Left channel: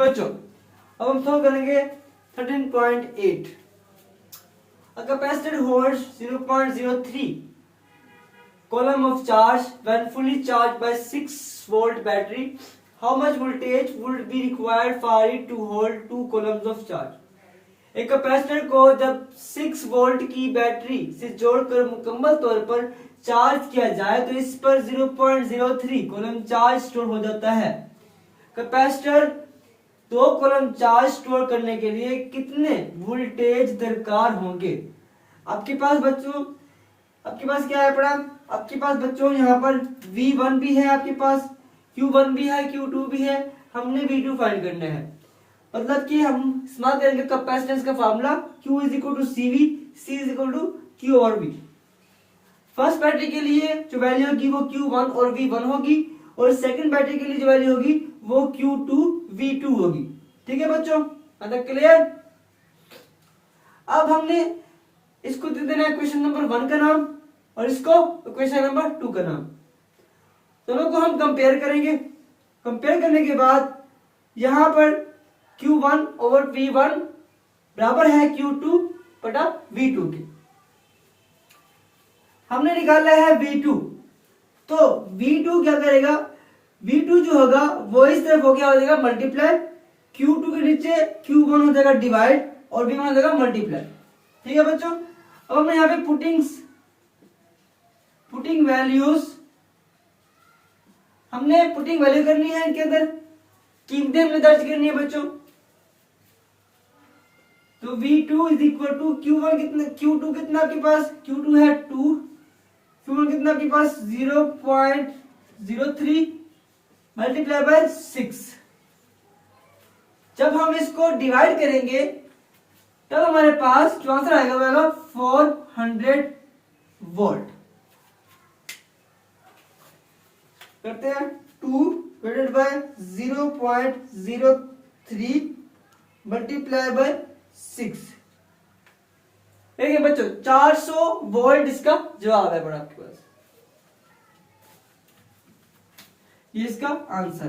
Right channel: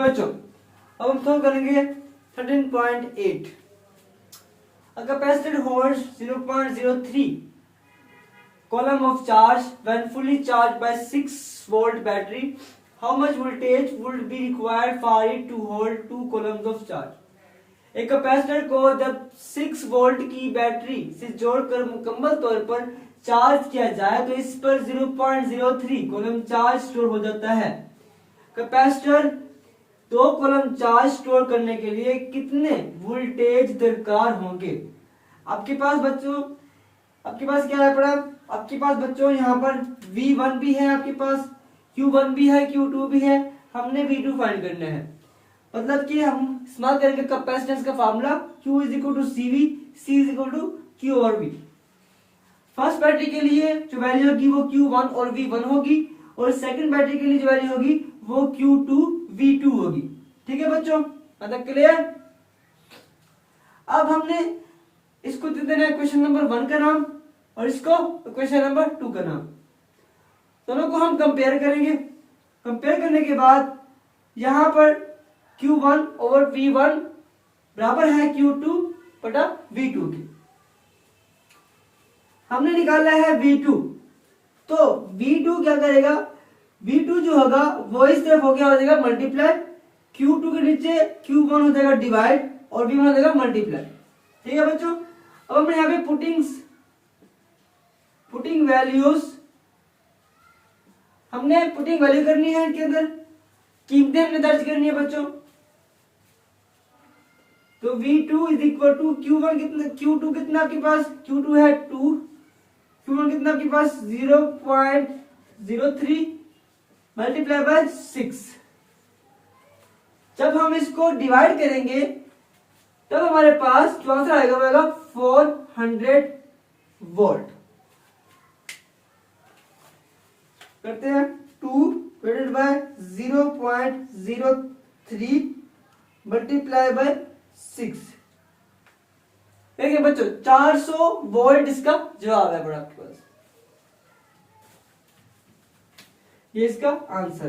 बच्चों अब हम सॉल्व करेंगे 13.8। A capacitor holds 0.03 coulomb of charge when fully charged by 6-volt battery. How much voltage would be required for it to hold 2 coulombs of charge? एक capacitor को जब 6 volt की battery से जोड़कर मुकम्मल तौर पर चार्ज किया जाए तो इस पर 0.03 कूलम चार्ज स्टोर हो जाता है। कैपेसिटर 2 कूलम चार्ज स्टोर करने के लिए कितने वोल्टेज दरकार होंगे? आपके पास बच्चों क्या है पड़ा? आपके पास बच्चों यहाँ पर V1 भी है, आपके पास Q1 भी है, Q2 भी है। हमने V2 फाइंड करना है। मतलब कि हम इस्तेमाल करेंगे कैपेसिटेंस का formula Q is equal to CV, C is equal to Q और V। फर्स्ट बैटरी के लिए जो वैल्यू होगी वो Q1 और V1 होगी और सेकंड बैटरी के लिए जो वैल्यू होगी वो Q2 V2 होगी। ठीक है बच्चों, मतलब क्लियर? अब हमने इसको दे देना है क्वेश्चन नंबर 1 का नाम और इसको क्वेश्चन नंबर 2 का नाम। दोनों को हम कंपेयर करेंगे। कंपेयर करने के बाद यहां पर Q1 ओवर V1 बराबर है Q2 बटा V2 के। हमने निकाला है V2, तो V2 क्या करेगा? V2 जो होगा वो इस तरफ हो जाएगा मल्टीप्लाई, Q2 के नीचे Q1 हो जाएगा डिवाइड और V1 हो जाएगा मल्टीप्लाई। ठीक है बच्चों, अब हमने यहाँ पे पुटिंग वैल्यूज हमने पुटिंग वैल्यू करनी है, इनके अंदर कीमतें हमने दर्ज करनी है बच्चों। तो V2 is equal to Q1 कितना, Q2 कितना आपके पास? Q2 है 2, Q1 कितना आपके पास? 0.03 मल्टीप्लाई बाय 6। जब हम इसको डिवाइड करेंगे तब हमारे पास जो आंसर आएगा वो आएगा 400 वोल्ट। करते हैं 2 डिवाइडेड बाय 0.03 मल्टीप्लाई बाय 6। देखिए बच्चों 400 वोल्ट इसका जवाब है बड़ा आपके पास, ये इसका आंसर।